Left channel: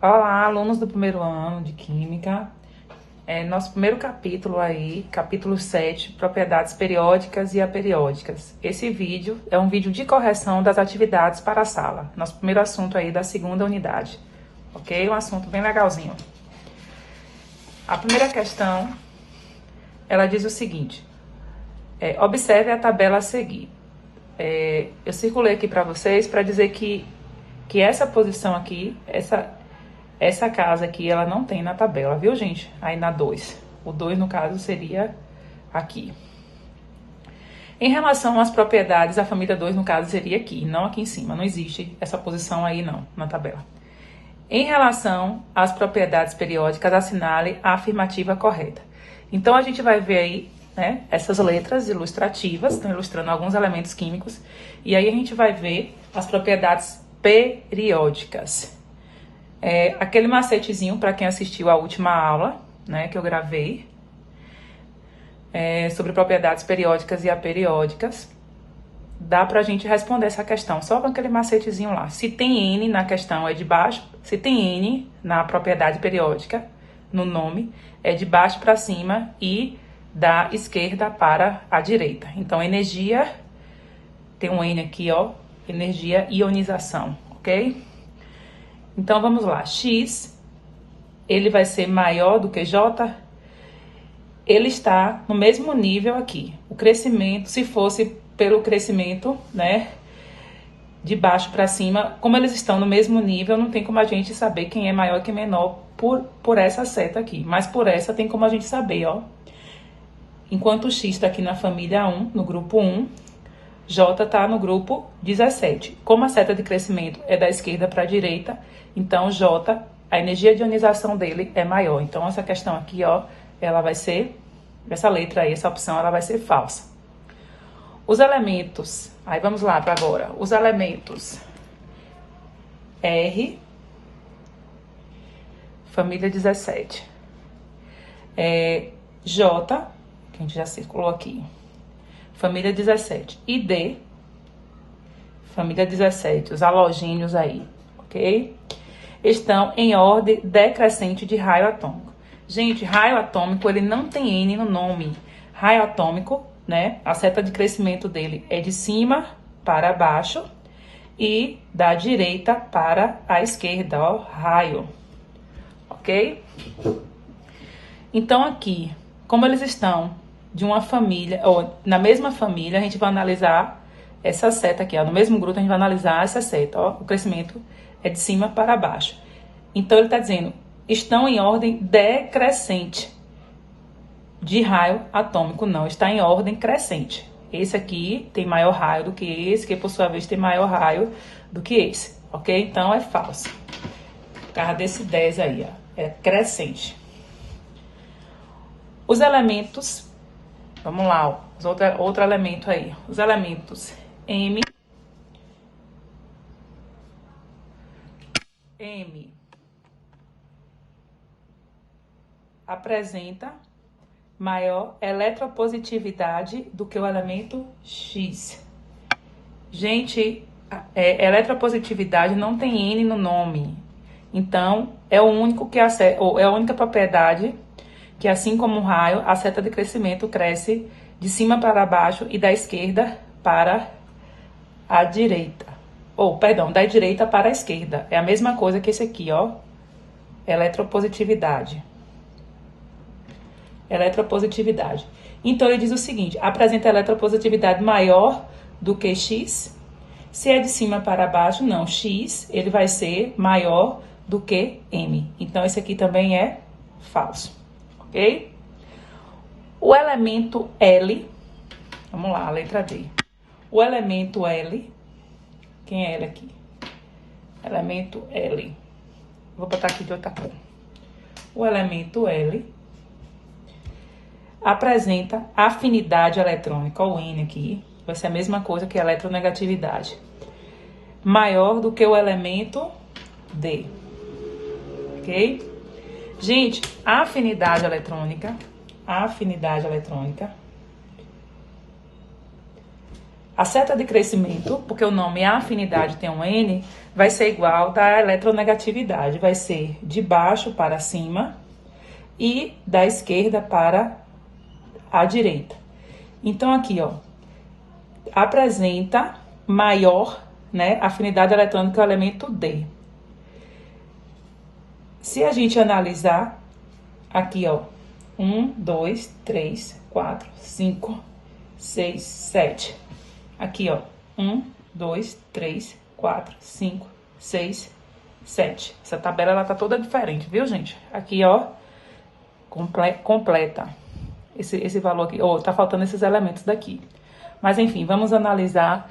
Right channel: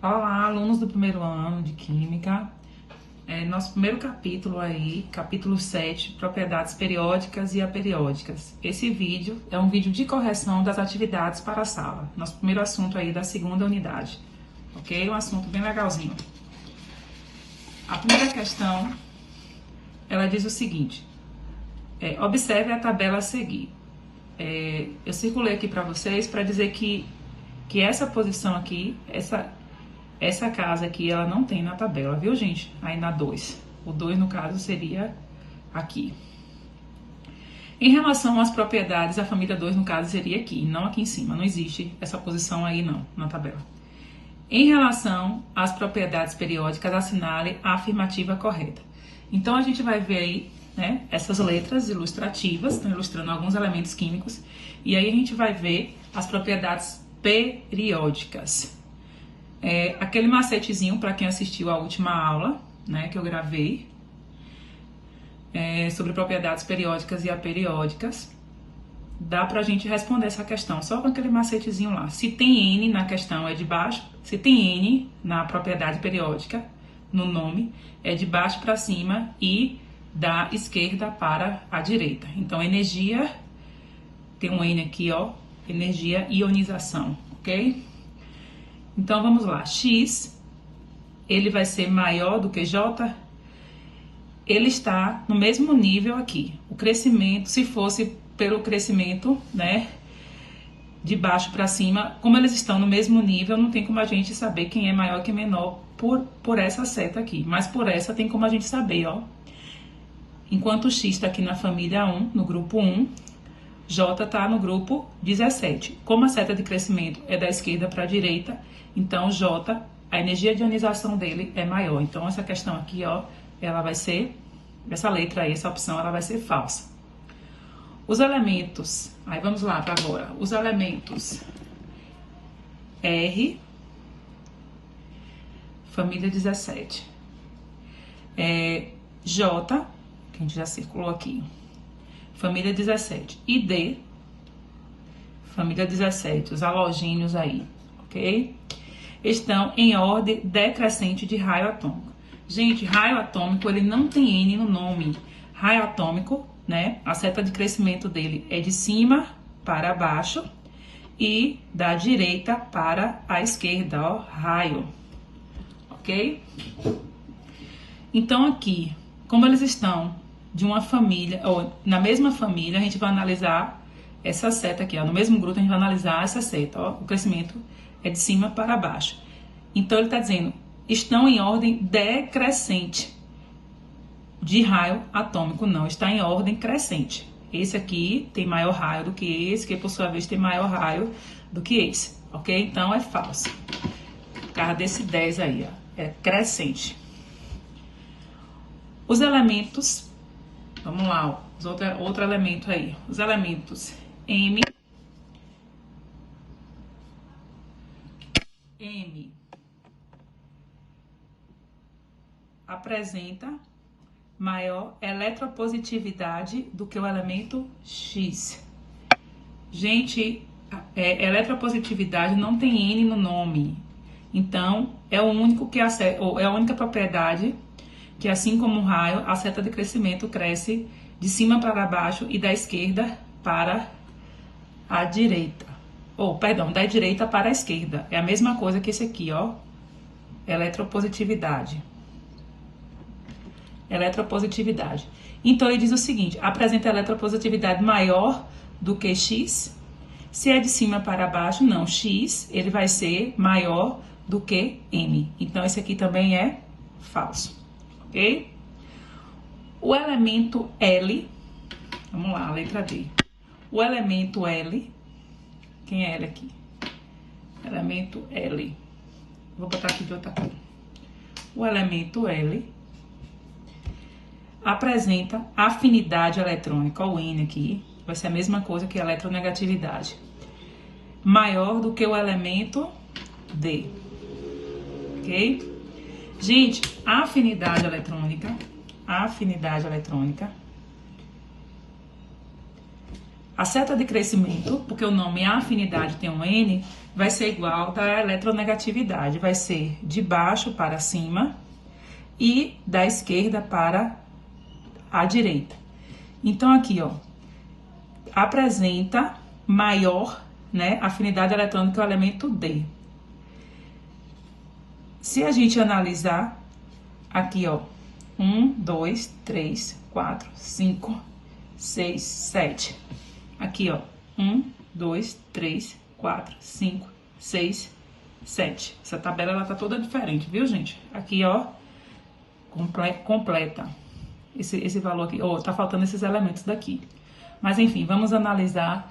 Olá, alunos do primeiro ano de Química. Nosso primeiro capítulo aí, capítulo 7, propriedades periódicas e aperiódicas. Esse vídeo é um vídeo de correção das atividades para a sala. Nosso primeiro assunto aí da segunda unidade, ok? Um assunto bem legalzinho. A primeira questão, ela diz o seguinte, observe a tabela a seguir. Eu circulei aqui para vocês para dizer que essa posição aqui, essa casa aqui, ela não tem na tabela, viu, gente? Aí na 2. O 2, no caso, seria aqui. Em relação às propriedades, a família 2, no caso, seria aqui, não aqui em cima. Não existe essa posição aí, não, na tabela. Em relação às propriedades periódicas, assinale a afirmativa correta. Então, a gente vai ver aí, né, essas letras ilustrativas, estão ilustrando alguns elementos químicos. E aí, a gente vai ver as propriedades periódicas. Aquele macetezinho para quem assistiu a última aula, né, que eu gravei, sobre propriedades periódicas e aperiódicas, dá pra gente responder essa questão só com aquele macetezinho lá. Se tem N na questão, é de baixo. Se tem N na propriedade periódica, no nome, é de baixo para cima e da esquerda para a direita. Então, energia, tem um N aqui, ó, energia ionização, ok? Então, vamos lá. X, ele vai ser maior do que J. Ele está no mesmo nível aqui. O crescimento, se fosse pelo crescimento, né, de baixo para cima, como eles estão no mesmo nível, não tem como a gente saber quem é maior e quem é menor por essa seta aqui. Mas por essa tem como a gente saber, ó. Enquanto o X está aqui na família 1, no grupo 1, J está no grupo 17. Como a seta de crescimento é da esquerda para a direita, então J, a energia de ionização dele é maior. Então, essa questão aqui, ó, ela vai ser, essa letra aí, essa opção, ela vai ser falsa. Os elementos, aí vamos lá para agora. Os elementos R, família 17. J, que a gente já circulou aqui, família 17. E D, família 17, os halogênios aí, ok? Estão em ordem decrescente de raio atômico. Gente, raio atômico, ele não tem N no nome. Raio atômico, né, a seta de crescimento dele é de cima para baixo e da direita para a esquerda, ó, raio, ok? Então, aqui, como eles estão de uma família, ou na mesma família, a gente vai analisar essa seta aqui, ó. No mesmo grupo, a gente vai analisar essa seta, ó. O crescimento é de cima para baixo. Então, ele está dizendo, estão em ordem decrescente de raio atômico. Não, está em ordem crescente. Esse aqui tem maior raio do que esse, que por sua vez tem maior raio do que esse, ok? Então, é falso. Por causa desse 10 aí, ó. É crescente. Os elementos, vamos lá, ó. Outro elemento aí. Os elementos M apresenta maior eletropositividade do que o elemento X. Gente, eletropositividade não tem N no nome. Então, é o único que é a única propriedade que, assim como o raio, a seta de crescimento cresce de cima para baixo e da esquerda para a direita. Perdão, da direita para a esquerda. É a mesma coisa que esse aqui, ó. Eletropositividade. Eletropositividade. Então, ele diz o seguinte, apresenta eletropositividade maior do que X. Se é de cima para baixo, não. X, ele vai ser maior do que M. Então, esse aqui também é falso, ok? O elemento L, vamos lá, a letra D. O elemento L, quem é L aqui? Elemento L. Vou botar aqui de outra cor. O elemento L apresenta afinidade eletrônica, o N aqui, vai ser a mesma coisa que a eletronegatividade, maior do que o elemento D, ok? Gente, a afinidade eletrônica, a seta de crescimento, porque o nome é afinidade tem um N, vai ser igual da eletronegatividade, vai ser de baixo para cima e da esquerda para a direita. Então, aqui, ó, apresenta maior, né, afinidade eletrônica do elemento D. Se a gente analisar, aqui, ó, 1, 2, 3, 4, 5, 6, 7. Aqui, ó, 1, 2, 3, 4, 5, 6, 7. Essa tabela, ela tá toda diferente, viu, gente? Aqui, ó, completa esse valor aqui. Ó, tá faltando esses elementos daqui. Mas, enfim, vamos analisar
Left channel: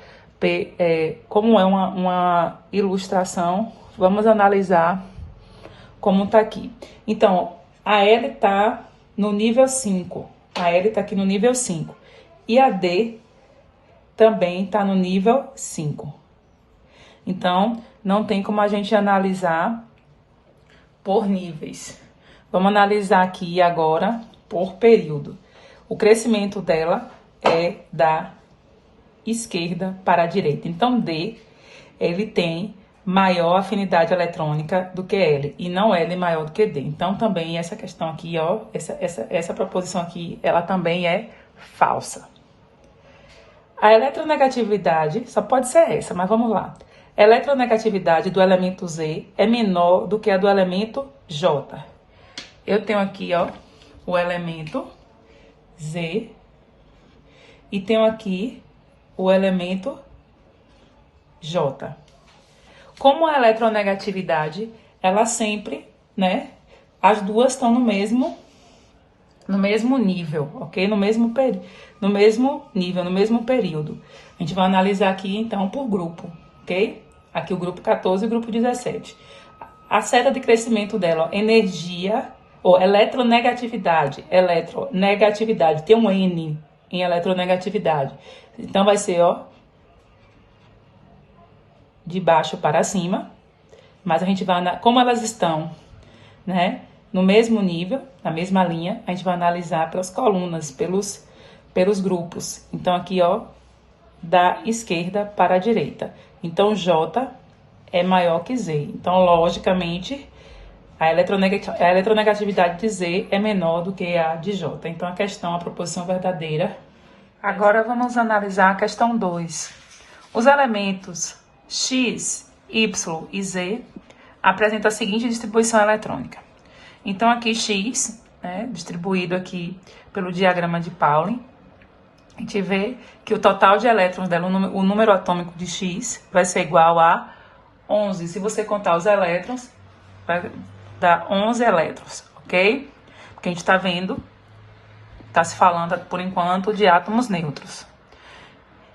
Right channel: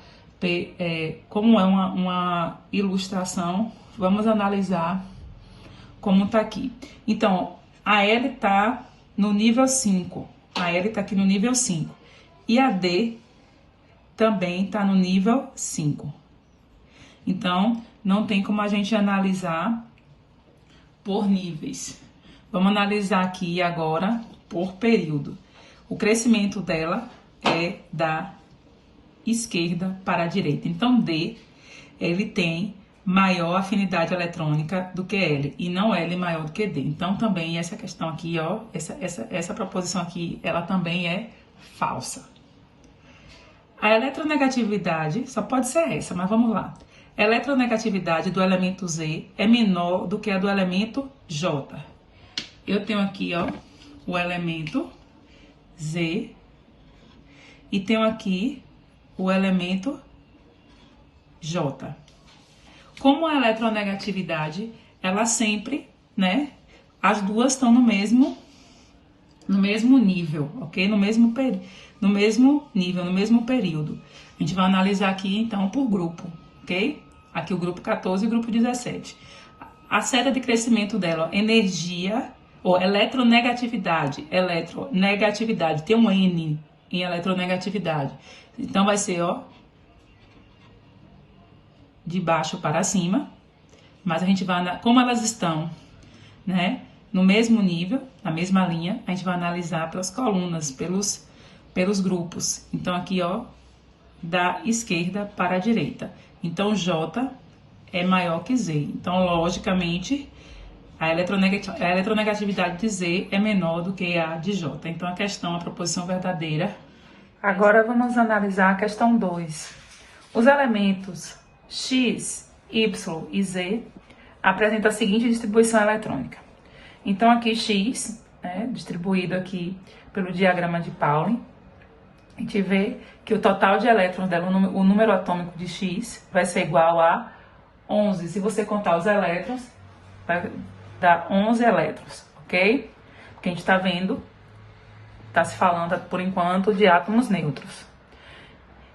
como é uma ilustração. Vamos analisar como tá aqui. Então, a L tá no nível 5. A L tá aqui no nível 5. E a D também tá no nível 5. Então, não tem como a gente analisar por níveis. Vamos analisar aqui agora por período. O crescimento dela é da esquerda para a direita. Então, D, ele tem maior afinidade eletrônica do que L, e não L maior do que D. Então, também essa questão aqui, ó, essa proposição aqui, ela também é falsa. A eletronegatividade, só pode ser essa, mas vamos lá. A eletronegatividade do elemento Z é menor do que a do elemento J. Eu tenho aqui, ó, o elemento Z e tenho aqui o elemento J. Como a eletronegatividade, ela sempre, né, as duas estão no mesmo nível, ok? No mesmo nível, no mesmo período. A gente vai analisar aqui, então, por grupo, ok? Aqui o grupo 14 e o grupo 17. A seta de crescimento dela, energia, ou eletronegatividade, tem um N em eletronegatividade. Então, vai ser, ó, de baixo para cima, mas a gente vai, como elas estão, né, no mesmo nível, na mesma linha, a gente vai analisar pelas colunas, pelos grupos. Então, aqui, ó, da esquerda para a direita. Então, J é maior que Z. Então, logicamente, a eletronegatividade de Z é menor do que a de J. Então, a proposição verdadeira. Agora, vamos analisar a questão 2. Os elementos X, Y e Z apresentam a seguinte distribuição eletrônica. Então, aqui X, né, distribuído aqui pelo diagrama de Pauli, a gente vê que o total de elétrons dela, o número atômico de X, vai ser igual a 11. Se você contar os elétrons, vai dar 11 elétrons, ok? Porque a gente está vendo, está se falando por enquanto de átomos neutros.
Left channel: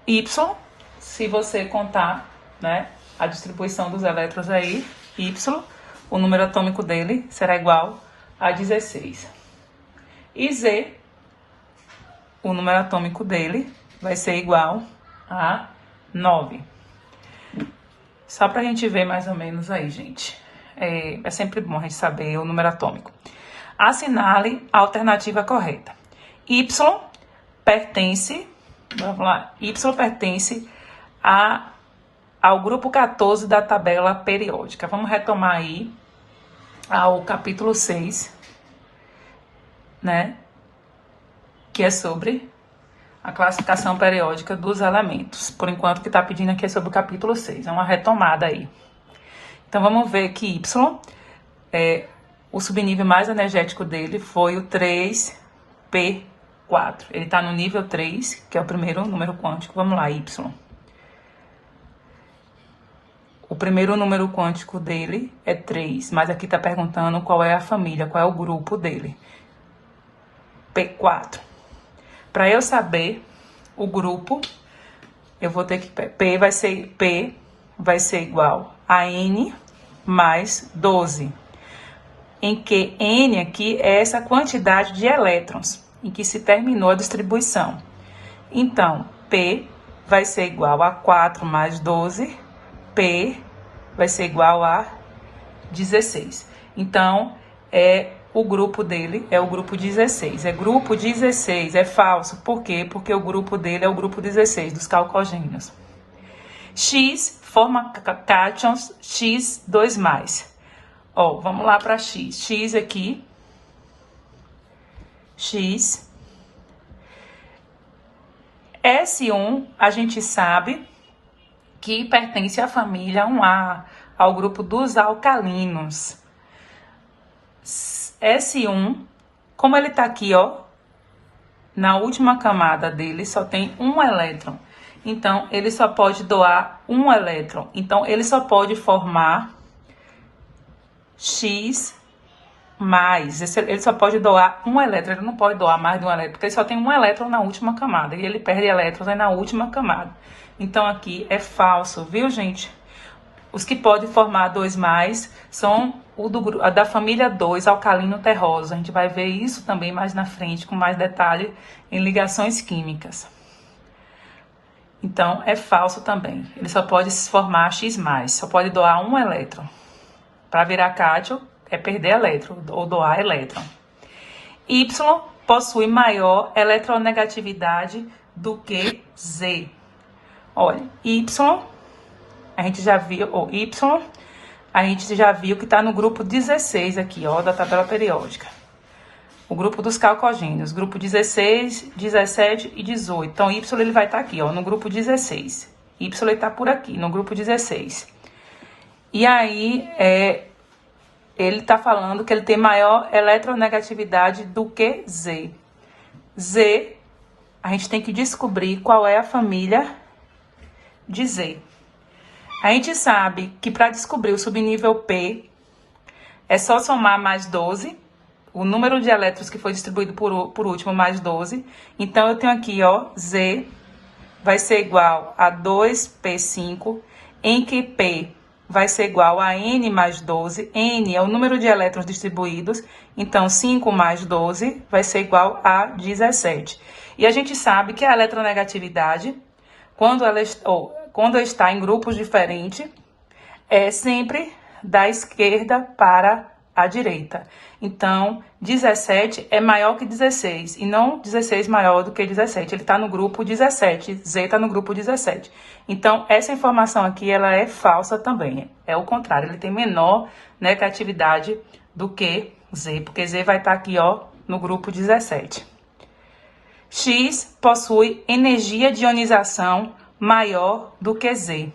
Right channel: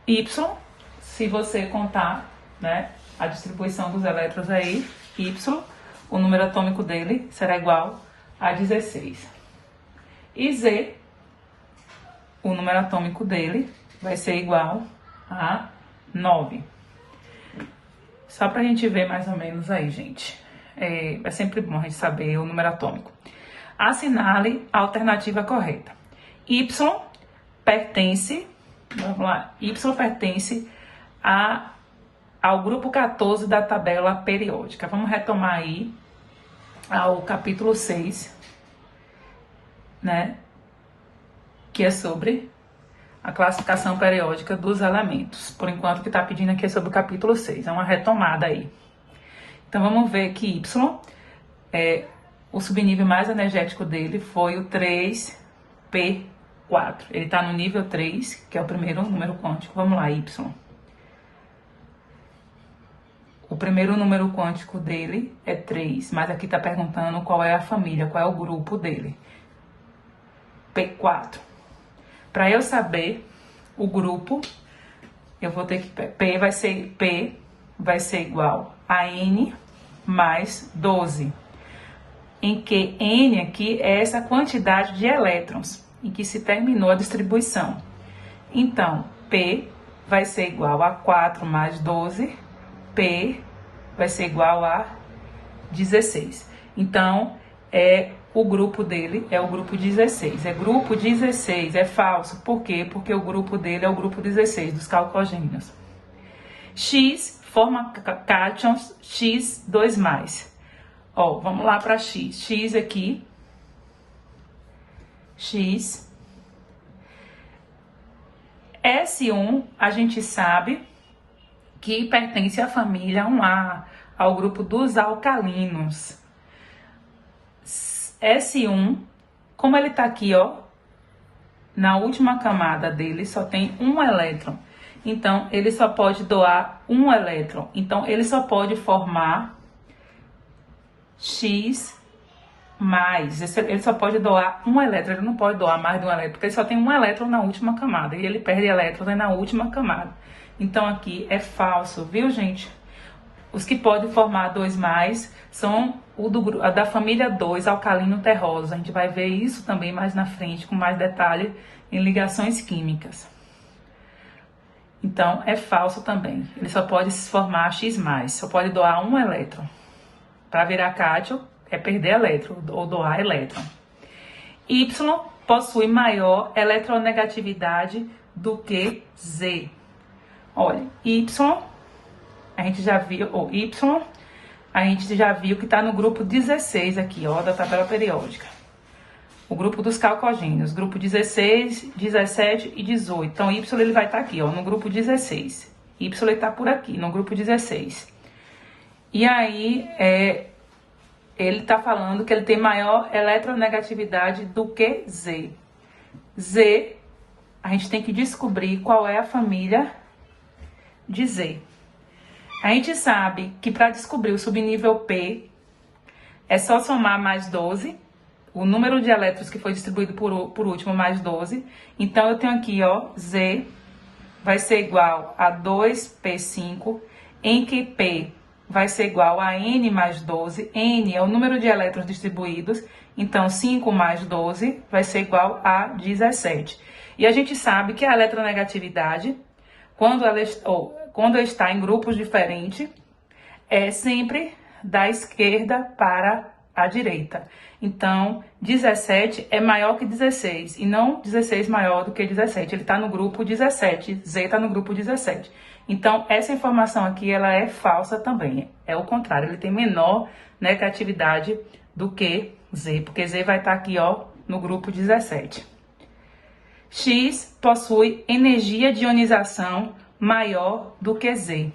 Y, se você contar, né, a distribuição dos elétrons aí, Y, o número atômico dele será igual a 16. E Z, o número atômico dele vai ser igual a 9. Só para a gente ver mais ou menos aí, gente. É sempre bom a gente saber o número atômico. Assinale a alternativa correta. Y pertence, vamos lá, Y pertence ao grupo 14 da tabela periódica. Vamos retomar aí ao capítulo 6, né? Que é sobre a classificação periódica dos elementos. Por enquanto, o que está pedindo aqui é sobre o capítulo 6. É uma retomada aí. Então, vamos ver que Y, o subnível mais energético dele foi o 3P4. Ele está no nível 3, que é o primeiro número quântico. Vamos lá, Y. O primeiro número quântico dele é 3, mas aqui está perguntando qual é a família, qual é o grupo dele. P4. Para eu saber o grupo, eu vou ter que... P vai ser igual a N mais 12. Em que N aqui é essa quantidade de elétrons em que se terminou a distribuição. Então, P vai ser igual a 4 mais 12. P vai ser igual a 16. Então, o grupo dele é o grupo 16. É grupo 16, é falso. Por quê? Porque o grupo dele é o grupo 16, dos calcogênios. X forma cátions X2+. Ó, vamos lá para X. X aqui. X. S1, a gente sabe que pertence à família 1A, ao grupo dos alcalinos. S1, como ele tá aqui, ó, na última camada dele só tem um elétron. Então, ele só pode doar um elétron. Então, ele só pode formar X+. Ele só pode doar um elétron, ele não pode doar mais de um elétron, porque ele só tem um elétron na última camada. E ele perde elétrons aí na última camada. Então, aqui é falso, viu, gente? Os que podem formar 2+, são a da família 2, alcalino terroso. A gente vai ver isso também mais na frente, com mais detalhe em ligações químicas. Então, é falso também. Ele só pode se formar X+, só pode doar um elétron. Para virar cátion, é perder elétron ou doar elétron. Y possui maior eletronegatividade do que Z. Olha, Y, a gente já viu, a gente já viu que está no grupo 16 aqui, ó, da tabela periódica. O grupo dos calcogênios, grupo 16, 17 e 18. Então, Y ele vai estar aqui, ó, no grupo 16. Y está por aqui, no grupo 16. E aí, ele está falando que ele tem maior eletronegatividade do que Z. Z, a gente tem que descobrir qual é a família de Z. A gente sabe que para descobrir o subnível P, é só somar mais 12, o número de elétrons que foi distribuído por último mais 12. Então, eu tenho aqui, ó, Z vai ser igual a 2P5, em que P vai ser igual a N mais 12. N é o número de elétrons distribuídos, então 5 mais 12 vai ser igual a 17. E a gente sabe que a eletronegatividade, quando está em grupos diferentes, é sempre da esquerda para a direita. Então, 17 é maior que 16, e não 16 maior do que 17. Ele está no grupo 17, Z está no grupo 17. Então, essa informação aqui, ela é falsa também. É o contrário, ele tem menor negatividade do que Z, porque Z vai estar aqui, ó, no grupo 17. X possui energia de ionização maior do que Z.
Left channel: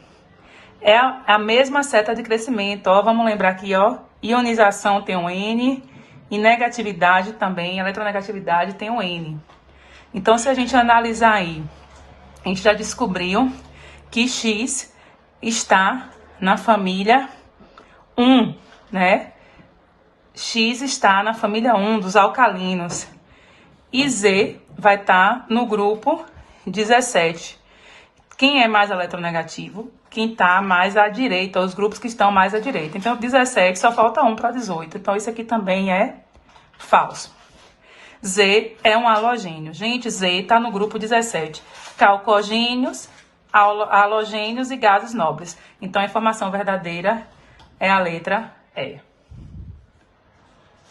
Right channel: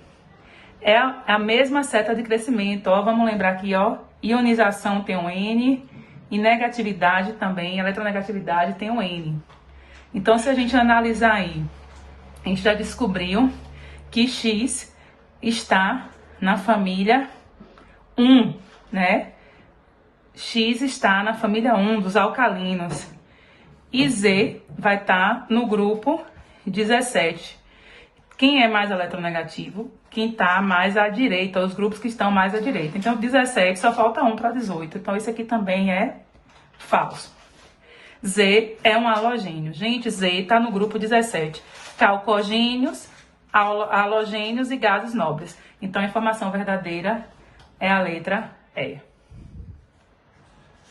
É a mesma seta de crescimento, ó, vamos lembrar aqui, ó, ionização tem um N, e negatividade também, eletronegatividade tem um N. Então, se a gente analisar aí, a gente já descobriu que X está na família 1, né? X está na família 1 dos alcalinos. E Z vai estar no grupo 17. Quem é mais eletronegativo? Quem está mais à direita, os grupos que estão mais à direita. Então, 17 só falta 1 para 18. Então, isso aqui também é falso. Z é um halogênio. Gente, Z está no grupo 17. Calcogênios, halogênios e gases nobres. Então, a informação verdadeira é a letra E.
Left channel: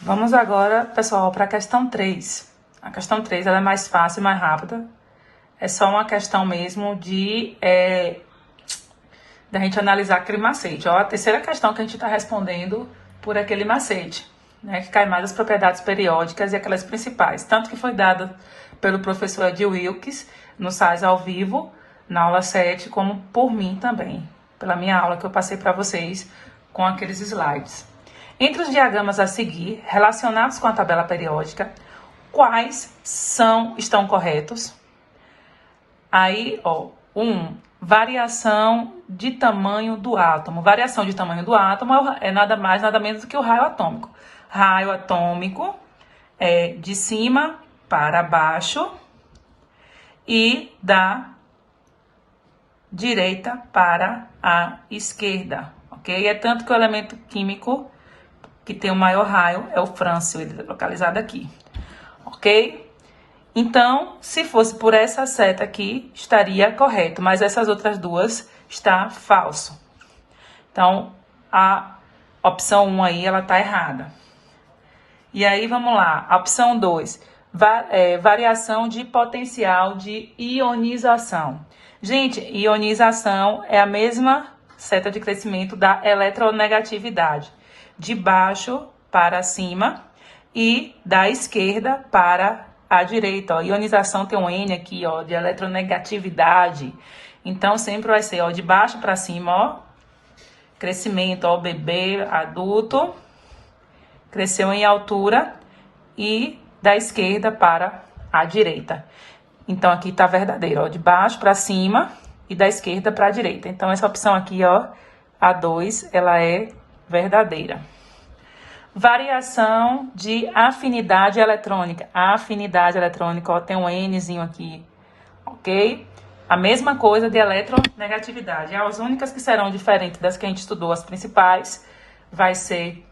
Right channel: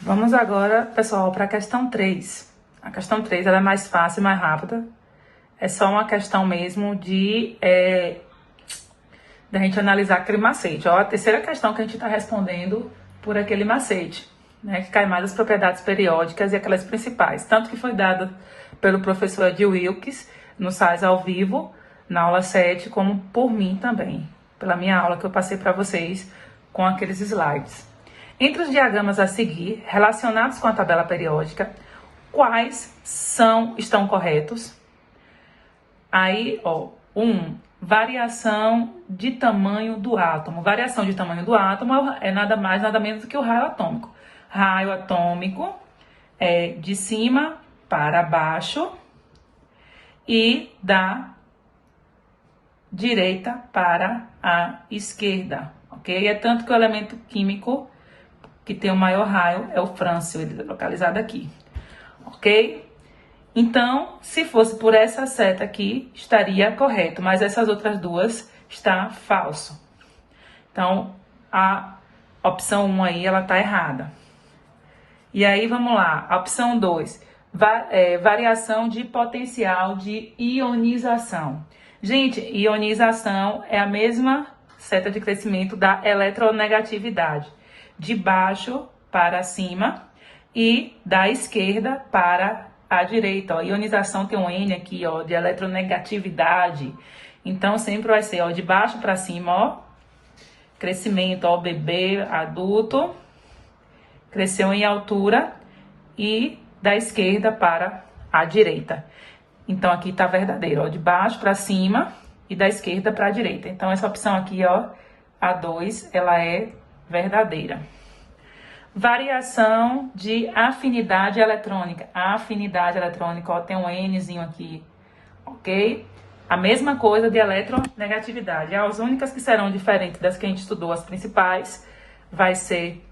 Vamos agora, pessoal, para a questão 3. A questão 3 ela é mais fácil e mais rápida. É só uma questão mesmo de a gente analisar aquele macete. Ó, a terceira questão que a gente está respondendo por aquele macete, né? Que cai mais as propriedades periódicas e aquelas principais. Tanto que foi dada pelo professor Ed Wilkes no SAIS ao vivo, na aula 7, como por mim também, pela minha aula que eu passei para vocês com aqueles slides. Entre os diagramas a seguir, relacionados com a tabela periódica, quais estão corretos? Aí, ó, variação de tamanho do átomo. Variação de tamanho do átomo é nada mais, nada menos do que o raio atômico. Raio atômico é de cima para baixo e da direita para a esquerda, ok? É tanto que o elemento químico que tem o maior raio é o frâncio, ele é localizado aqui, ok? Então, se fosse por essa seta aqui, estaria correto, mas essas outras duas está falso. Então, a opção 1 aí, ela tá errada. E aí, vamos lá, a opção 2, variação de potencial de ionização. Gente, ionização é a mesma seta de crescimento da eletronegatividade, de baixo para cima e da esquerda para a direita. Ó, ionização tem um N aqui, ó, de eletronegatividade. Então, sempre vai ser, ó, de baixo para cima, ó, crescimento, ó, bebê, adulto, cresceu em altura, e da esquerda para a direita. Então, aqui tá verdadeiro, ó, de baixo para cima e da esquerda para a direita. Então, essa opção aqui, ó, a 2, ela é verdadeira. Variação de afinidade eletrônica. A afinidade eletrônica, ó, tem um Nzinho aqui, ok? A mesma coisa de eletronegatividade. As únicas que serão diferentes das que a gente estudou, as principais, vai ser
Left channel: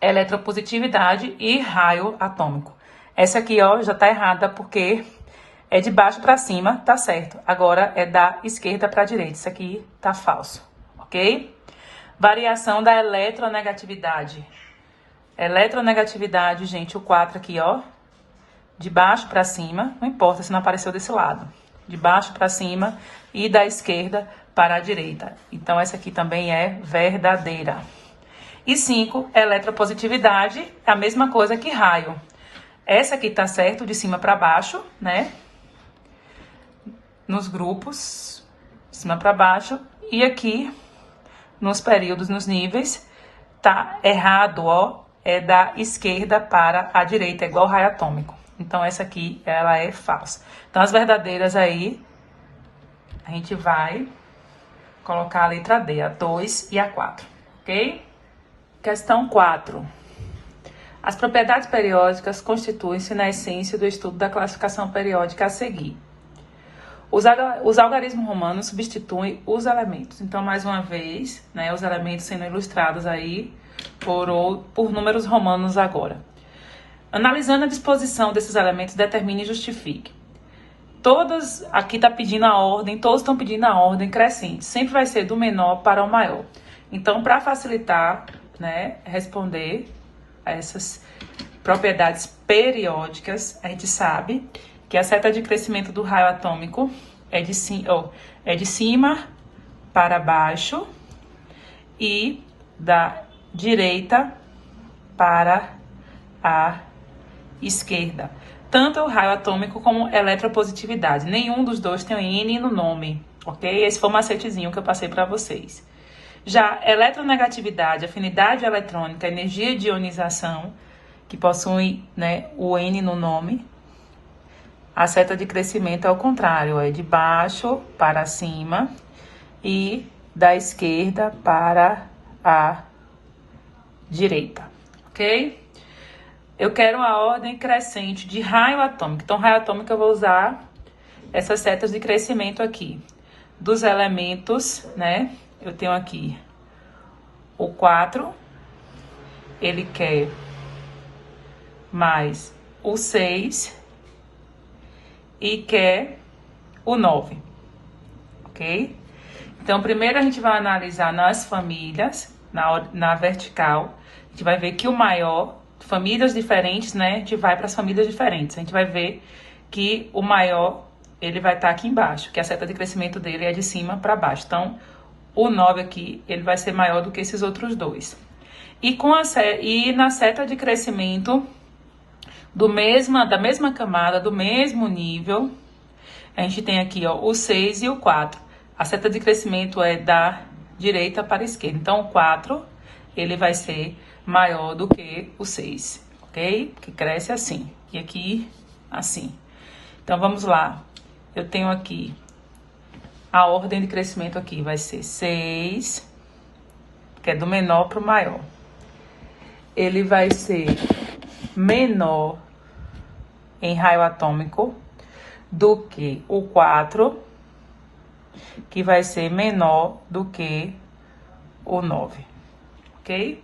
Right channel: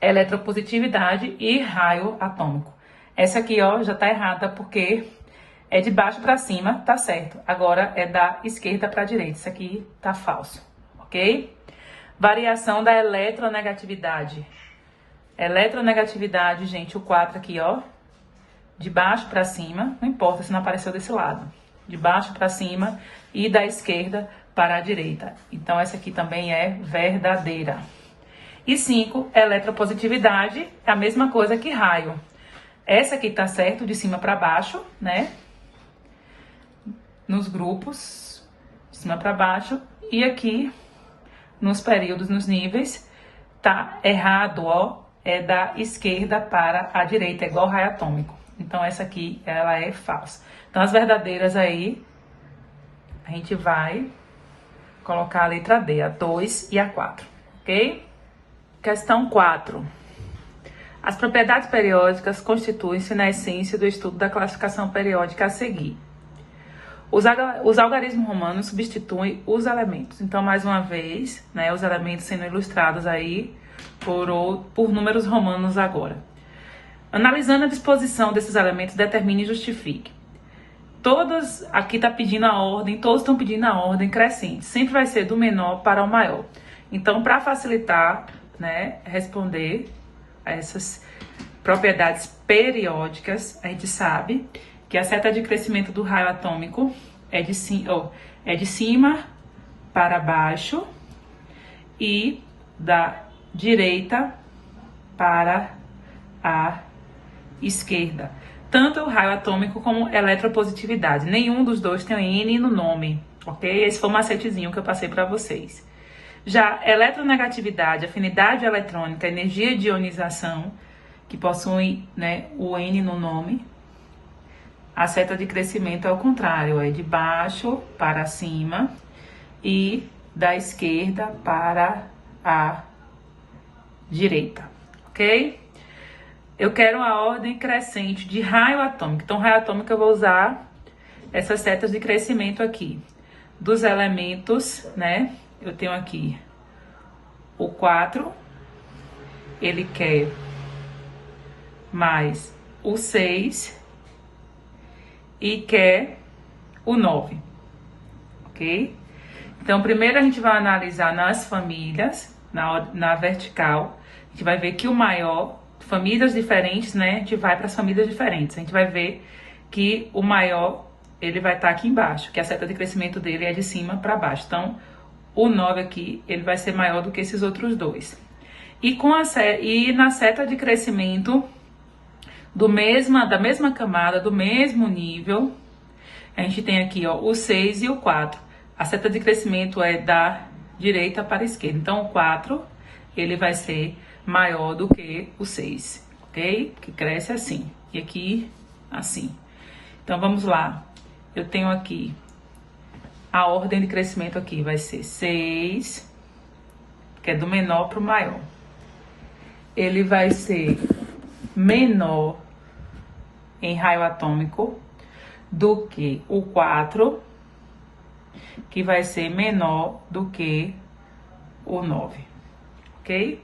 eletropositividade e raio atômico. Essa aqui, ó, já tá errada porque é de baixo para cima, tá certo. Agora é da esquerda para a direita. Isso aqui tá falso, ok? Variação da eletronegatividade. Eletronegatividade, gente, o 4 aqui, ó, de baixo para cima, não importa se não apareceu desse lado. De baixo para cima e da esquerda para a direita. Então, essa aqui também é verdadeira. E 5, eletropositividade, é a mesma coisa que raio. Essa aqui tá certo, de cima para baixo, né? Nos grupos, de cima para baixo. E aqui, nos períodos, nos níveis, tá errado, ó. É da esquerda para a direita, é igual raio atômico. Então, essa aqui, ela é falsa. Então, as verdadeiras aí, a gente vai colocar a letra D, a 2 e a 4, ok? Questão 4. As propriedades periódicas constituem-se na essência do estudo da classificação periódica a seguir. Os algarismos romanos substituem os elementos. Então, mais uma vez, né, os elementos sendo ilustrados aí por números romanos agora. Analisando a disposição desses elementos, determine e justifique. Todos, aqui está pedindo a ordem, todos estão pedindo a ordem crescente. Sempre vai ser do menor para o maior. Então, para facilitar, né, responder a essas propriedades periódicas, a gente sabe que a seta de crescimento do raio atômico é de cima para baixo e da direita para a esquerda. Tanto o raio atômico como eletropositividade. Nenhum dos dois tem um N no nome, ok? Esse foi o macetezinho que eu passei para vocês. Já eletronegatividade, afinidade eletrônica, energia de ionização, que possuem, né, o N no nome. A seta de crescimento é o contrário, é de baixo para cima e da esquerda para a direita, ok? Eu quero a ordem crescente de raio atômico. Então, raio atômico eu vou usar essas setas de crescimento aqui. Dos elementos, né? Eu tenho aqui o 4, ele quer mais o 6 e quer o 9, ok? Então, primeiro a gente vai analisar nas famílias, na vertical, a gente vai ver que o maior, famílias diferentes, né? A gente vai para as famílias diferentes, a gente vai ver que o maior, ele vai estar aqui embaixo, que a seta de crescimento dele é de cima para baixo. Então, o 9 aqui, ele vai ser maior do que esses outros dois. E na seta de crescimento da mesma camada, do mesmo nível, a gente tem aqui, ó, o 6 e o 4. A seta de crescimento é da direita para a esquerda. Então, o 4, ele vai ser maior do que o 6, ok? Que cresce assim. E aqui, assim. Então, vamos lá. Eu tenho aqui a ordem de crescimento aqui vai ser 6, que é do menor para o maior. Ele vai ser menor em raio atômico do que o 4, que vai ser menor do que o 9, ok?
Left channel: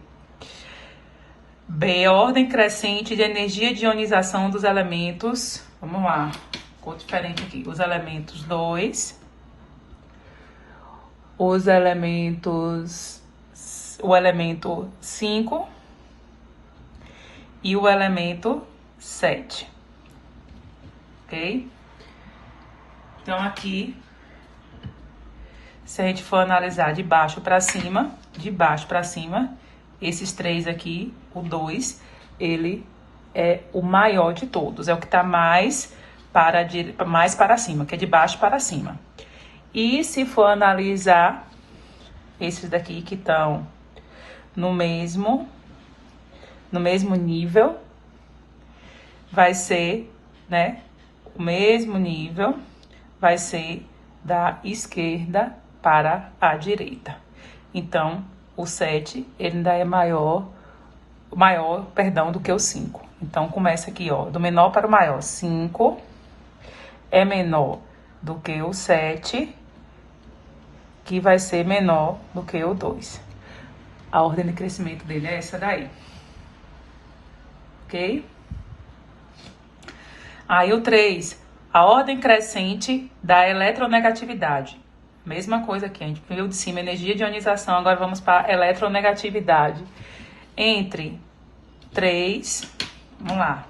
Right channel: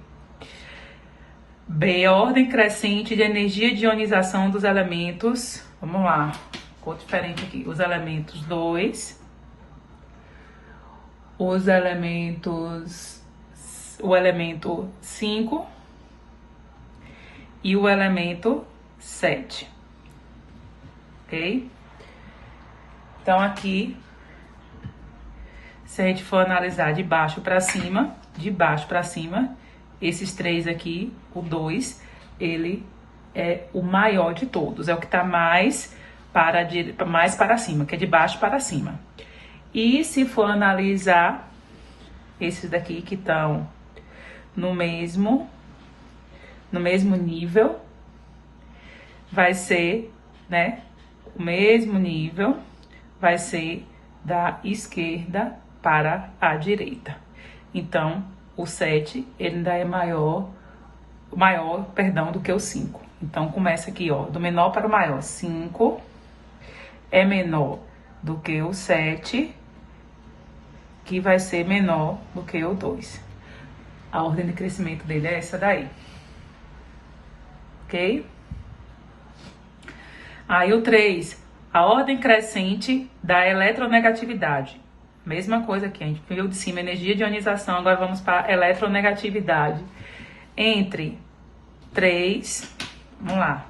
B, ordem crescente de energia de ionização dos elementos, vamos lá, cor diferente aqui, os elementos 2, o elemento 5 e o elemento 7, ok? Então, aqui Se a gente for analisar de baixo para cima, esses três aqui, o 2, ele é o maior de todos, é o que tá mais para cima, que é de baixo para cima. E se for analisar esses daqui que estão no mesmo nível, vai ser, né, o mesmo nível vai ser da esquerda para a direita. Então, o 7, ele ainda é maior, do que o 5. Então, começa aqui, ó, do menor para o maior. 5 é menor do que o 7, que vai ser menor do que o 2. A ordem de crescimento dele é essa daí. Ok? Aí o 3, a ordem crescente da eletronegatividade. Mesma coisa aqui, a gente viu de cima energia de ionização, agora vamos para a eletronegatividade. Entre 3, vamos lá,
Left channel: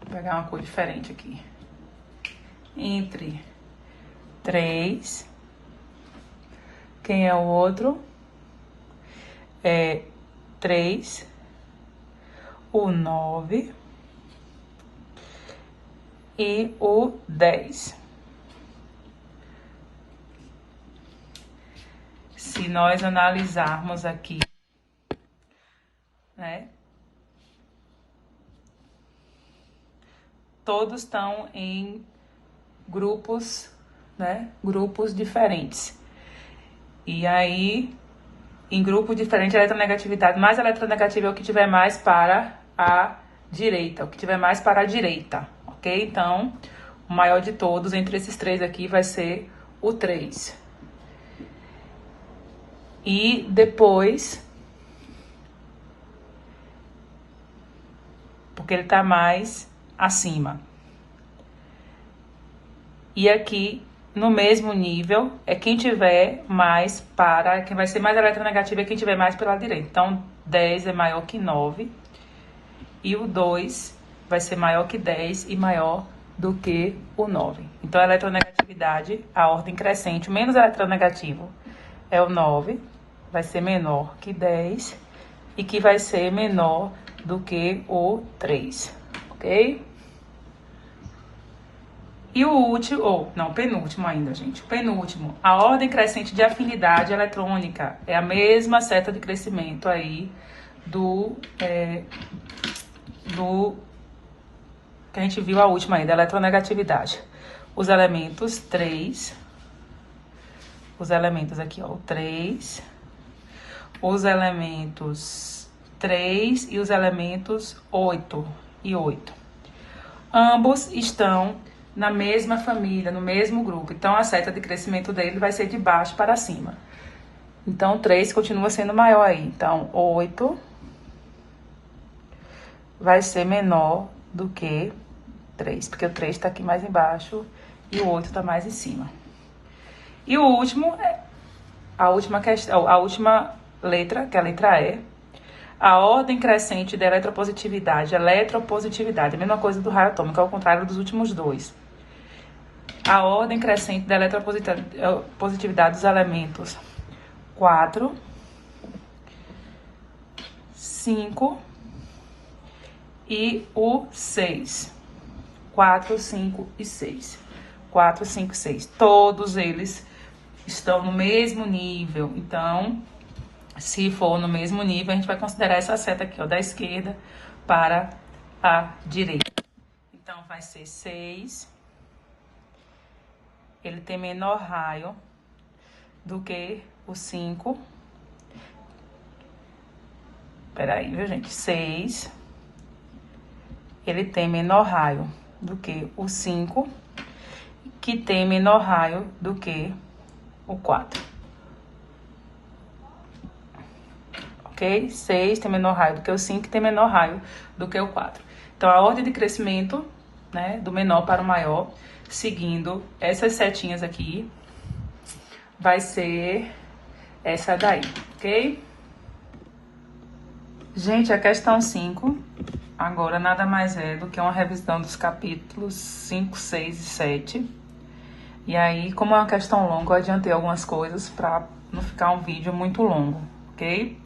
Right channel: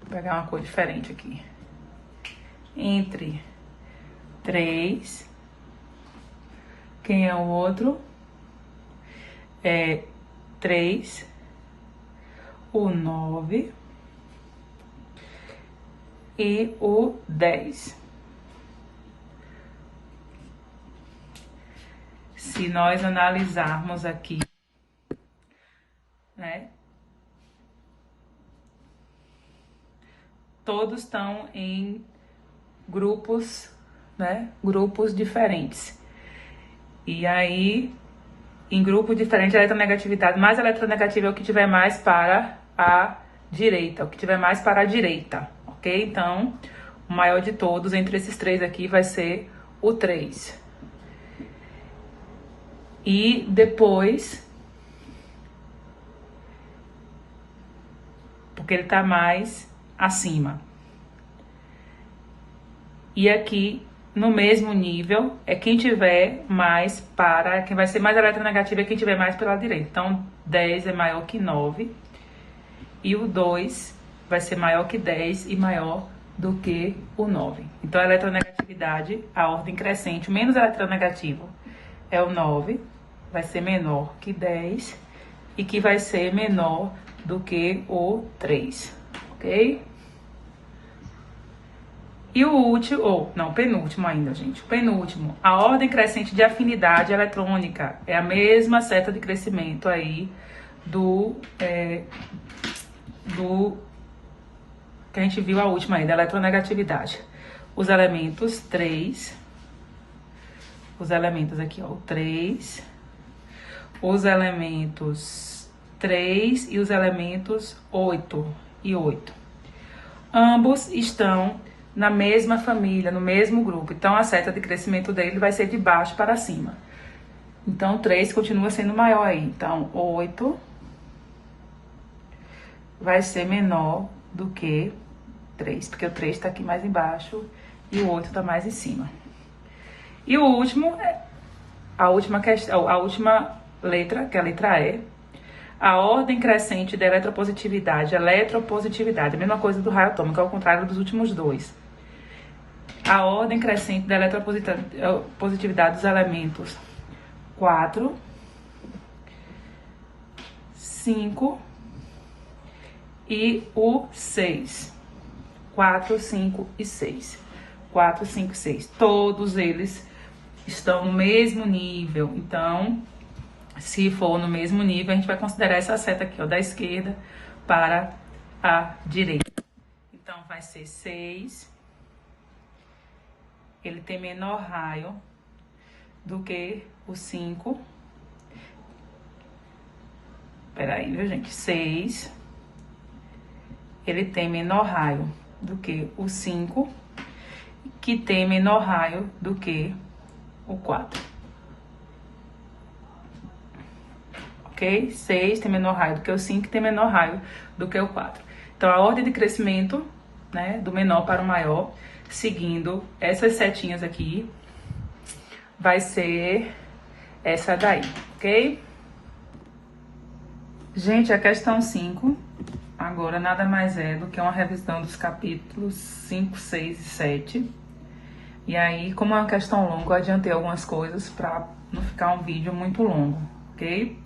vou pegar uma cor diferente aqui. Entre 3, quem é o outro? É 3, o 9 e o 10. Se nós analisarmos aqui, né? Todos estão em grupos, né? Grupos diferentes. E aí, em grupo diferente, a eletronegatividade mais eletronegativa é o que tiver mais para a direita, ok? Então, o maior de todos entre esses três aqui vai ser o 3. E depois, porque ele tá mais acima. E aqui, no mesmo nível, é quem tiver mais para... Quem vai ser mais eletronegativo é quem tiver mais pela direita. Então, 10 é maior que 9. E o 2 vai ser maior que 10 e maior do que o 9. Então, a eletronegatividade, a ordem crescente, o menos eletronegativo é o 9. Vai ser menor que 10 e que vai ser menor do que o 3, ok? E o último, ou não, penúltimo ainda, gente. O penúltimo, a ordem crescente de afinidade eletrônica. É a mesma seta de crescimento aí do que a gente viu a última aí, da eletronegatividade. Os elementos 3, os elementos aqui, ó, o 3, os elementos 3 e os elementos 8 e 8. Ambos estão na mesma família, no mesmo grupo. Então, a seta de crescimento dele vai ser de baixo para cima. Então, 3 continua sendo maior aí. Então, 8 vai ser menor do que 3, porque o 3 está aqui mais embaixo e o 8 está mais em cima. E o último, a última letra, que é a letra E, a ordem crescente da eletropositividade, a mesma coisa do raio atômico, ao contrário dos últimos dois. A ordem crescente da eletropositividade dos elementos 4, 5 e o 6. 4, 5 e 6. 4, 5 e 6. Todos eles estão no mesmo nível. Então, se for no mesmo nível, a gente vai considerar essa seta aqui, ó, da esquerda para a direita. Então, vai ser 6. Ele tem menor raio do que o 5. Peraí, viu, gente? 6. Ele tem menor raio do que o 5, que tem menor raio do que o 4. Ok? 6 tem menor raio do que o 5, tem menor raio do que o 4. Então, a ordem de crescimento, né, do menor para o maior, seguindo essas setinhas aqui, vai ser essa daí, ok? Gente, a questão 5, agora nada mais é do que uma revisão dos capítulos 5, 6 e 7. E aí, como é uma questão longa, eu adiantei algumas coisas para não ficar um vídeo muito longo, ok?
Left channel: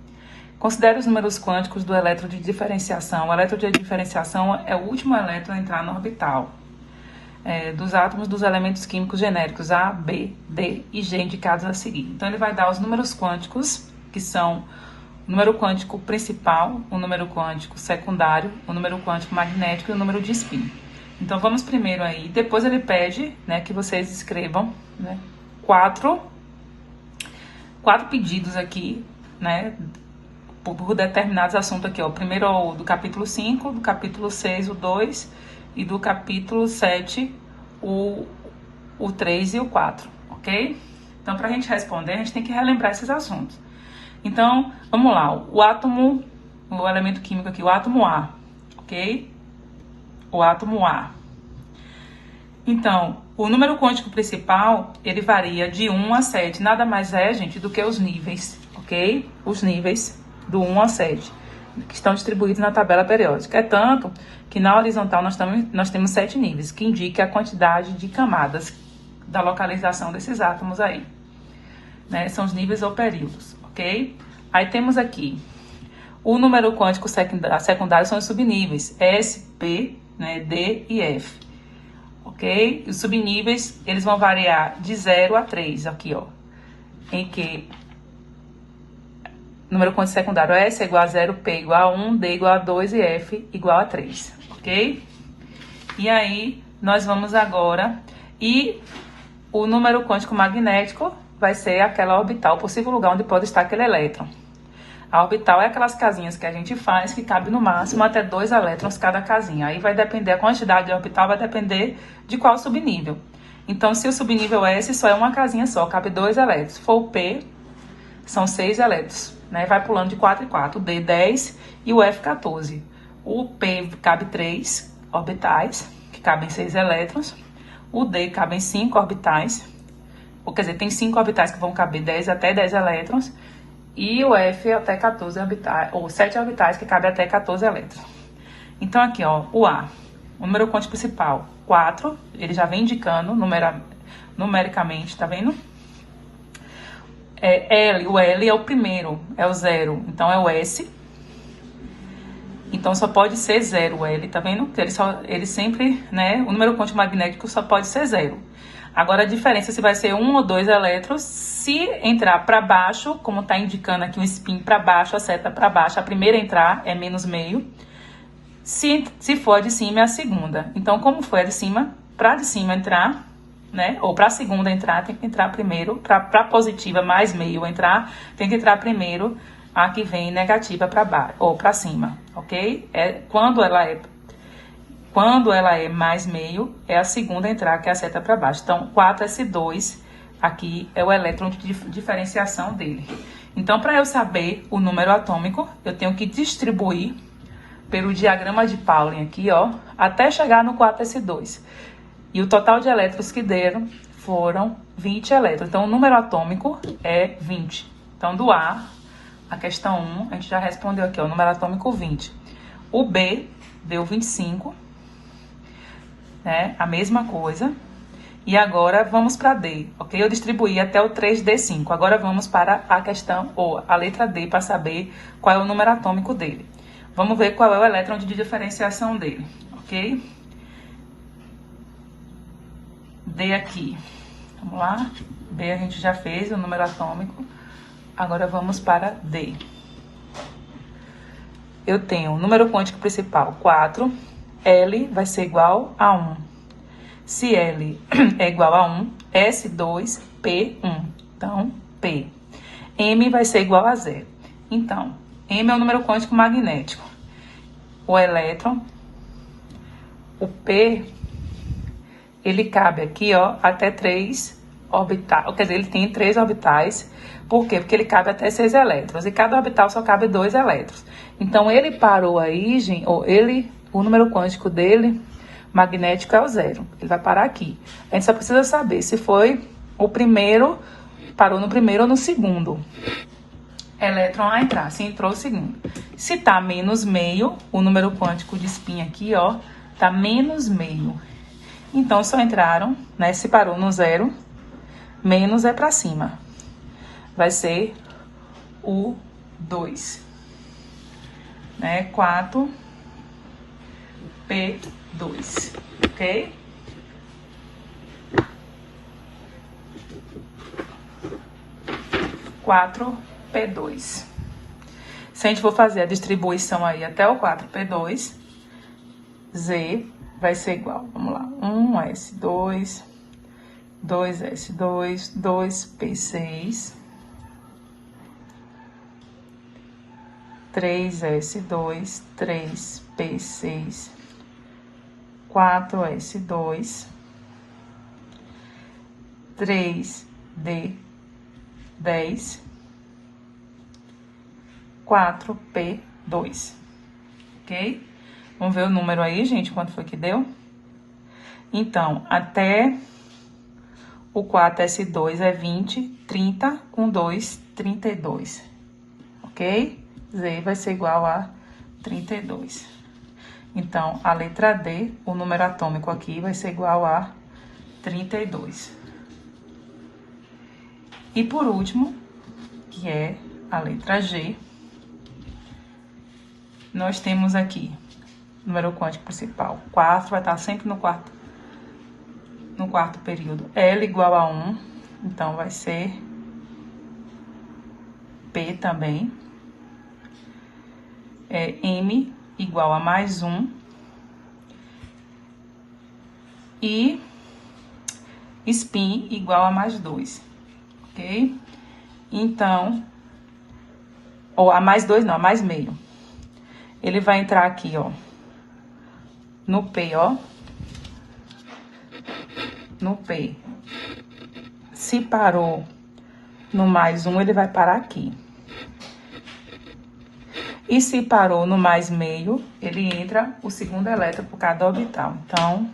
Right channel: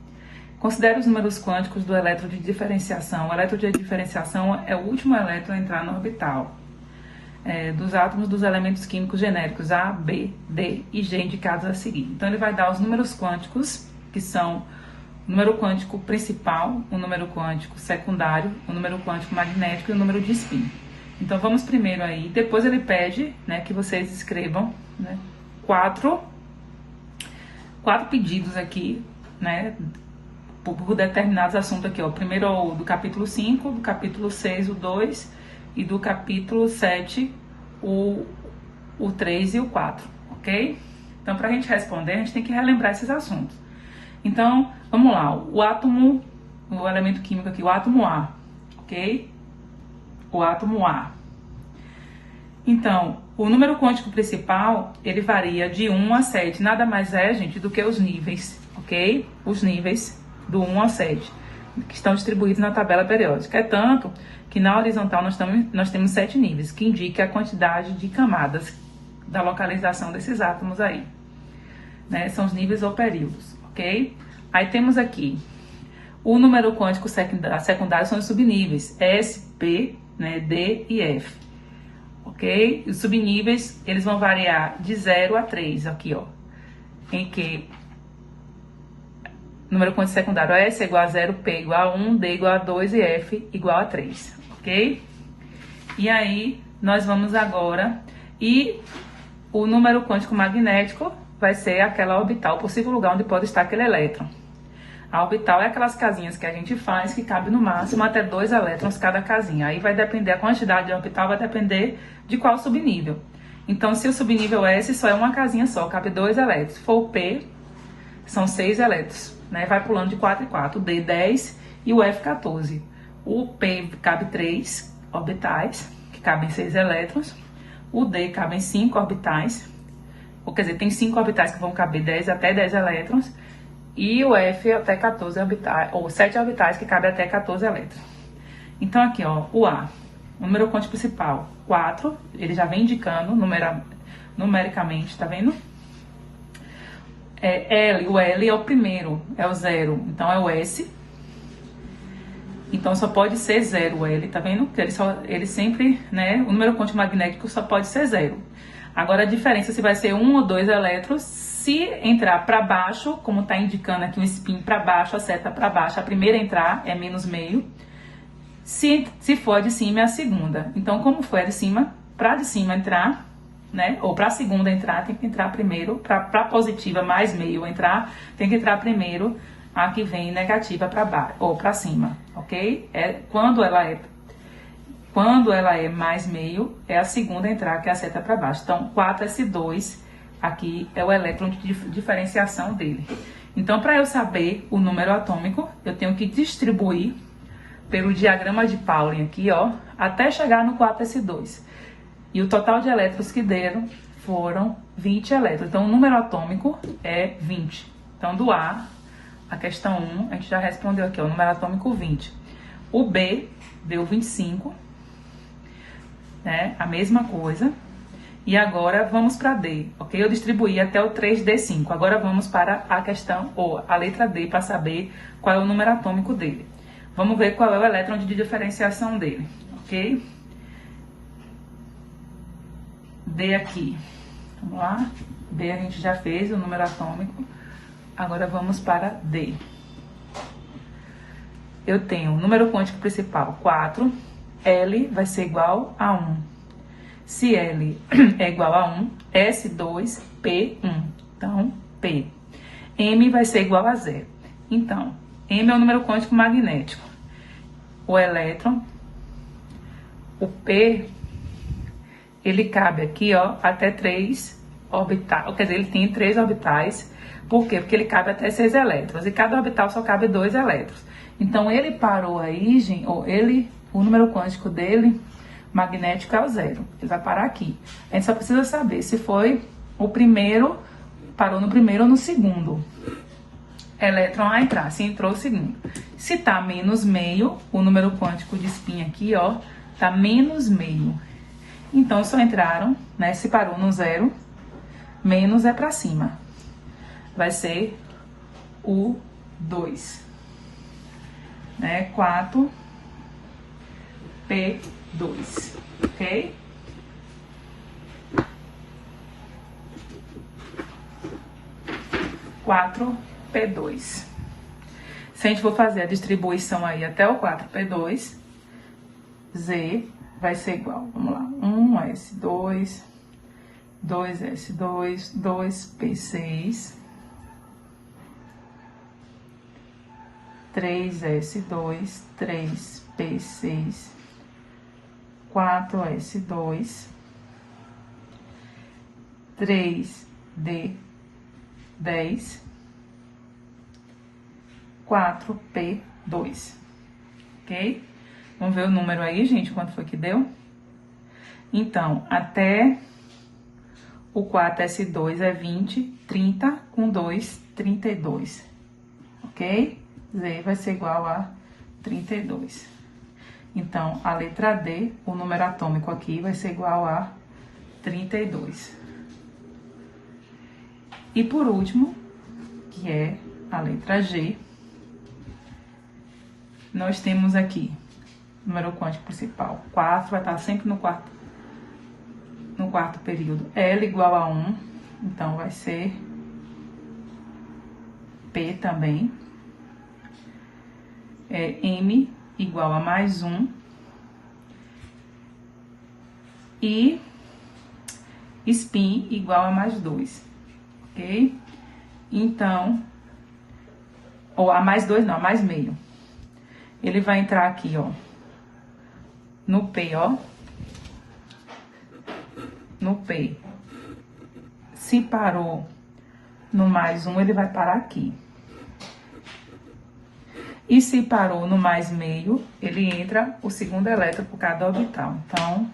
Considere os números quânticos do elétron de diferenciação. O elétron de diferenciação é o último elétron a entrar no orbital dos átomos dos elementos químicos genéricos A, B, D e G indicados a seguir. Então, ele vai dar os números quânticos, que são o número quântico principal, o número quântico secundário, o número quântico magnético e o número de spin. Então, vamos primeiro aí. Depois ele pede, né, que vocês escrevam, né, quatro pedidos aqui, né, por determinados assuntos aqui, ó. Primeiro o do capítulo 5, do capítulo 6, o 2, e do capítulo 7, o 3 e o 4, ok? Então, para a gente responder, a gente tem que relembrar esses assuntos. Então, vamos lá. O átomo, o elemento químico aqui, o átomo A, ok? O átomo A. Então, o número quântico principal, ele varia de 1 a 7. Nada mais é, gente, do que os níveis, ok? Os níveis do 1 ao 7, que estão distribuídos na tabela periódica. É tanto que na horizontal nós temos 7 níveis, que indica a quantidade de camadas da localização desses átomos aí, né? São os níveis ou períodos, ok? Aí temos aqui o número quântico secundário, são os subníveis S, P, né, D e F, ok? Os subníveis, eles vão variar de 0 a 3 aqui, ó, em que número quântico secundário S é igual a 0, P igual a 1, D igual a 2 e F igual a 3, ok? E aí, nós vamos agora, e o número quântico magnético vai ser aquela orbital, o possível lugar onde pode estar aquele elétron. A orbital é aquelas casinhas que a gente faz, que cabe no máximo até 2 elétrons cada casinha. Aí vai depender, a quantidade de orbital vai depender de qual subnível. Então, se o subnível S só é uma casinha só, cabe 2 elétrons. Se for o P, são 6 elétrons, né? Vai pulando de 4 em 4, o D 10 e o F 14. O P cabe 3 orbitais, que cabem 6 elétrons. O D cabe 5 orbitais, ou quer dizer, tem 5 orbitais que vão caber 10 até 10 elétrons. E o F até 14 orbitais, ou 7 orbitais que cabem até 14 elétrons. Então aqui, ó, o A, o número quântico principal, 4, ele já vem indicando numericamente, tá vendo? O L é o primeiro, é o 0, então é o S. Então só pode ser 0 o L, tá vendo? Ele sempre, né, o número quântico magnético só pode ser 0. Agora a diferença se vai ser 1 ou 2 elétrons, se entrar para baixo, como está indicando aqui o spin para baixo, a seta para baixo, a primeira a entrar é menos meio. Se for a de cima, é a segunda. Então, como foi a de cima, para de cima entrar, né? Ou para a segunda entrar, tem que entrar primeiro. Para a positiva mais meio entrar, tem que entrar primeiro a que vem negativa para baixo, ou para cima, ok? Quando ela é mais meio, é a segunda a entrar, que é a seta para baixo. Então, 4s2, aqui é o elétron de diferenciação dele. Então, para eu saber o número atômico, eu tenho que distribuir pelo diagrama de Pauling aqui, ó, até chegar no 4s2. E o total de elétrons que deram foram 20 elétrons. Então, o número atômico é 20. Então, do A, a questão 1, a gente já respondeu aqui, ó, o número atômico 20. O B deu 25, né? A mesma coisa. E agora vamos para D, ok? Eu distribuí até o 3D5. Agora vamos para a questão, ou a letra D, para saber qual é o número atômico dele. Vamos ver qual é o elétron de diferenciação dele, ok? D aqui. Vamos lá. B a gente já fez, o número atômico. Agora vamos para D. Eu tenho o número quântico principal, 4. L vai ser igual a 1. Se L é igual a 1, S2, P1. Então, P. M vai ser igual a 0. Então, M é o número quântico magnético. O elétron, o P, ele cabe aqui, ó, até 3 orbitais. Quer dizer, ele tem 3 orbitais. Por quê? Porque ele cabe até 6 elétrons. E cada orbital só cabe 2 elétrons. Então, ele parou aí, gente, o número quântico dele, magnético, é o 0. Ele vai parar aqui. A gente só precisa saber se foi o primeiro, parou no primeiro ou no segundo elétron a entrar, se entrou o segundo. Se tá menos meio, o número quântico de spin aqui, ó, tá menos meio. Então, só entraram, né? Se parou no 0, menos é para cima. Vai ser o 2. Né? 4P2, ok? P2. Se a gente for fazer a distribuição aí até o 4P2, Z vai ser igual, vamos lá, 1S2, 2S2, 2P6, 3S2, 3P6, 4S2, 3D10, 4P2, ok? Vamos ver o número aí, gente, quanto foi que deu? Então, até o 4S2 é 20, 30, com 2, 32, ok? Z vai ser igual a 32. Então, a letra D, o número atômico aqui, vai ser igual a 32. E por último, que é a letra G, nós temos aqui número quântico principal. 4 vai estar sempre no quarto período. L igual a 1, então vai ser P também. M igual a mais 1. E spin igual a mais 2, ok? Então, ou a mais 2 não, a mais meio. Ele vai entrar aqui, ó, no P, ó. No P. Se parou no mais 1, ele vai parar aqui. E se parou no mais meio, ele entra o segundo elétron por cada orbital. Então,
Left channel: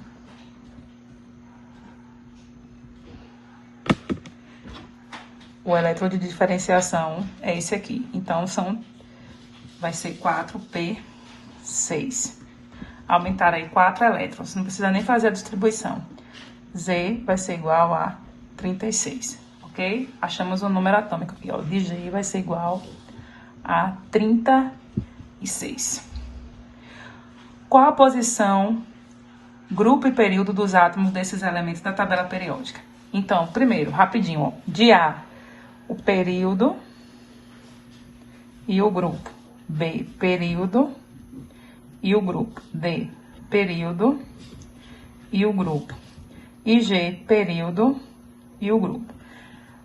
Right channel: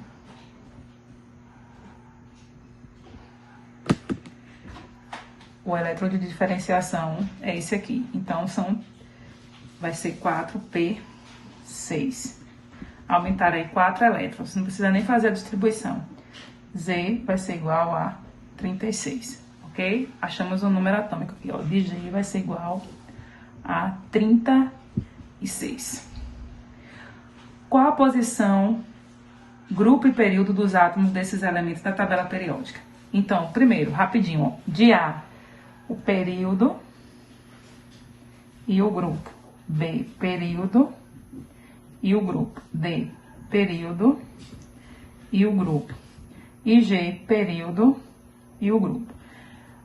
o elétron de diferenciação é esse aqui. Então, vai ser 4P6. Aumentar aí 4 elétrons. Não precisa nem fazer a distribuição. Z vai ser igual a 36, ok? Achamos o número atômico aqui, ó. De G vai ser igual a 36. Qual a posição, grupo e período dos átomos desses elementos da tabela periódica? Então, primeiro, rapidinho, ó. De A, o período e o grupo. B, período e o grupo. D, período e o grupo. E G, período e o grupo.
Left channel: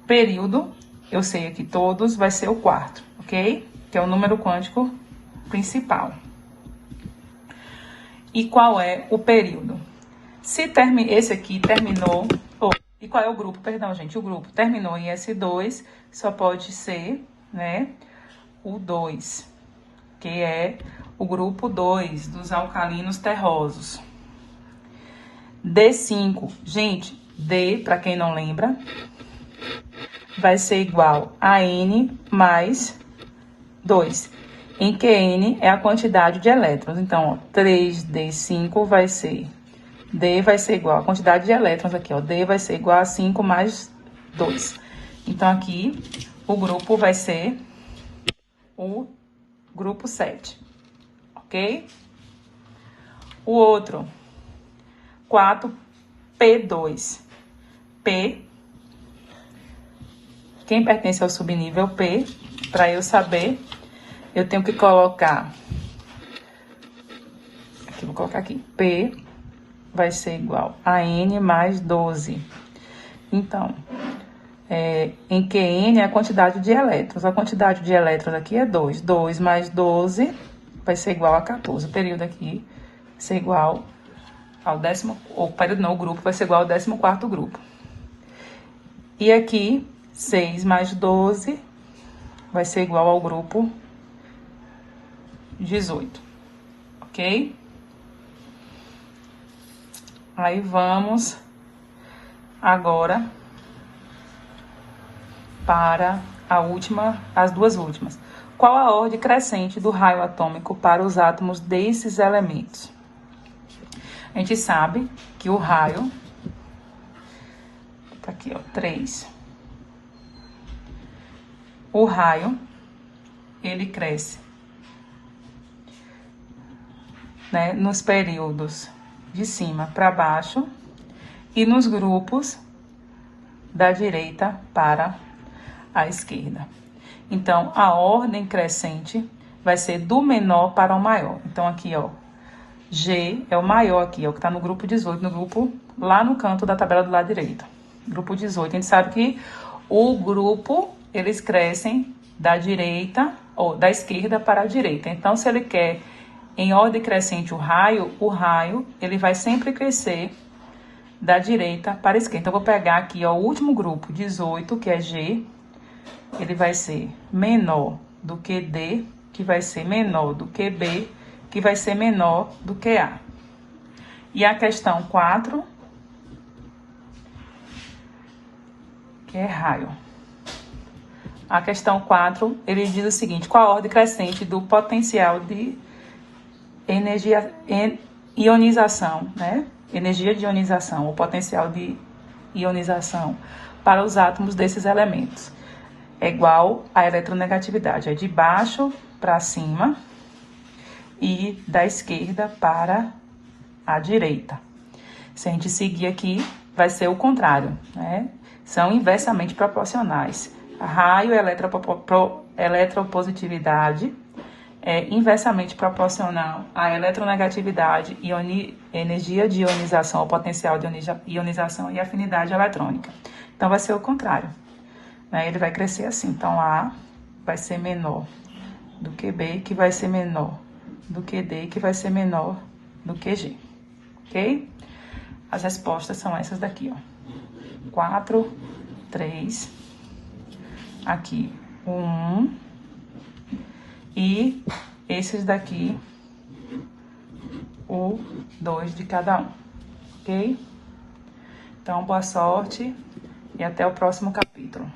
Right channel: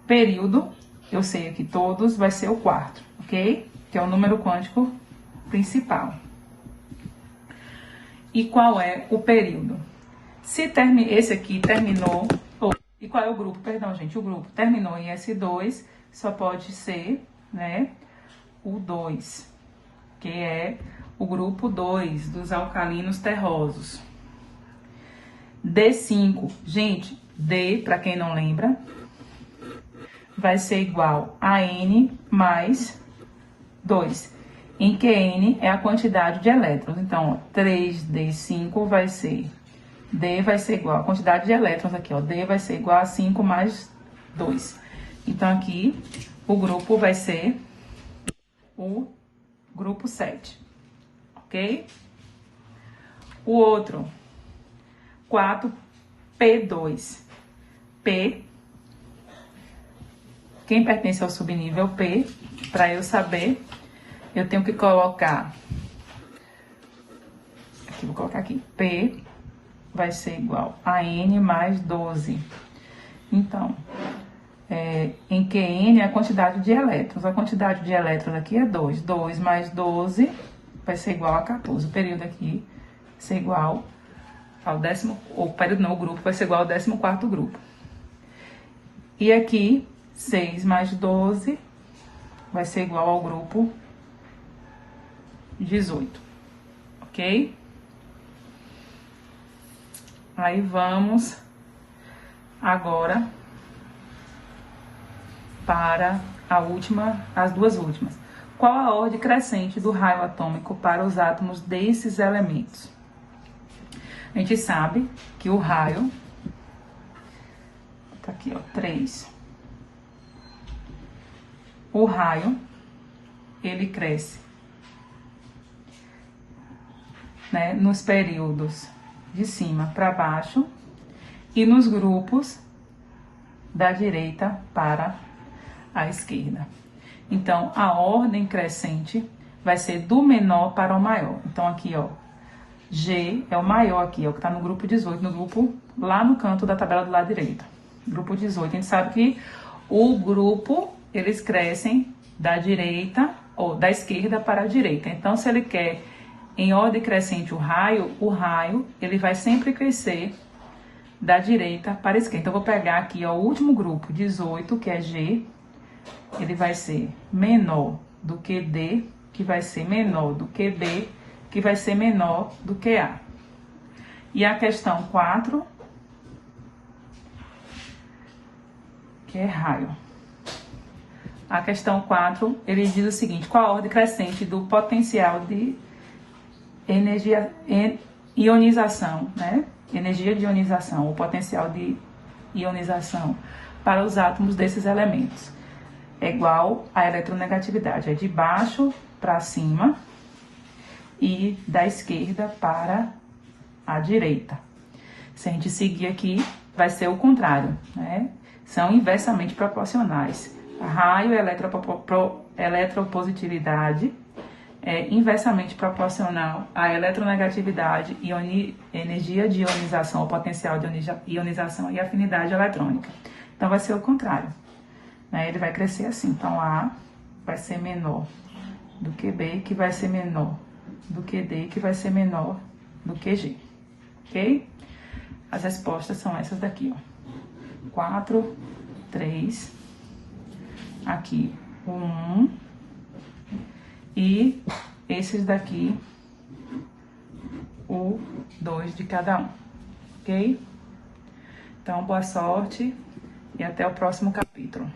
Período, eu sei aqui todos, vai ser o quarto, ok? Que é o número quântico principal. E qual é o período? Se esse aqui terminou... e qual é o grupo? Perdão, gente. O grupo terminou em S2, só pode ser, né, o 2, que é o grupo 2 dos alcalinos terrosos. D5, gente, D, para quem não lembra, vai ser igual a N mais 2, em que N é a quantidade de elétrons. Então, 3D5 vai ser... D vai ser igual a quantidade de elétrons aqui, ó. D vai ser igual a 5 mais 2. Então, aqui, o grupo vai ser o grupo 7, ok? O outro, 4P2. P, quem pertence ao subnível P, para eu saber, eu tenho que colocar... Aqui, vou colocar aqui. P vai ser igual a N mais 12. Então, em que N é a quantidade de elétrons. A quantidade de elétrons aqui é 2. 2 mais 12 vai ser igual a 14. O período aqui vai ser igual ao o período não, o grupo vai ser igual ao 14º grupo. E aqui, 6 mais 12 vai ser igual ao grupo 18, ok? Aí vamos agora para as duas últimas. Qual a ordem crescente do raio atômico para os átomos desses elementos? A gente sabe que o raio, tá aqui, ó, 3. O raio, ele cresce, né, nos períodos de cima para baixo e nos grupos da direita para a esquerda. Então, a ordem crescente vai ser do menor para o maior. Então, aqui, ó, G é o maior aqui, ó, que tá no grupo 18, no grupo lá no canto da tabela do lado direito. Grupo 18. A gente sabe que o grupo, eles crescem da direita, ou da esquerda para a direita. Então, se ele quer em ordem crescente o raio, ele vai sempre crescer da direita para a esquerda. Então, eu vou pegar aqui, ó, o último grupo, 18, que é G, ele vai ser menor do que D, que vai ser menor do que B, que vai ser menor do que A. E a questão 4, que é raio. A questão 4, ele diz o seguinte: qual a ordem crescente do potencial de energia, ionização, né? Energia de ionização, o potencial de ionização para os átomos desses elementos é igual à eletronegatividade. É de baixo para cima e da esquerda para a direita. Se a gente seguir aqui, vai ser o contrário, né? São inversamente proporcionais. Raio e eletropositividade é inversamente proporcional à eletronegatividade, energia de ionização, o potencial de ionização e afinidade eletrônica. Então, vai ser o contrário, né? Ele vai crescer assim. Então, A vai ser menor do que B, que vai ser menor do que D, que vai ser menor do que G. Ok? As respostas são essas daqui, ó. 4, 3, aqui, 1, e esses daqui, o 2 de cada um, ok? Então, boa sorte e até o próximo capítulo.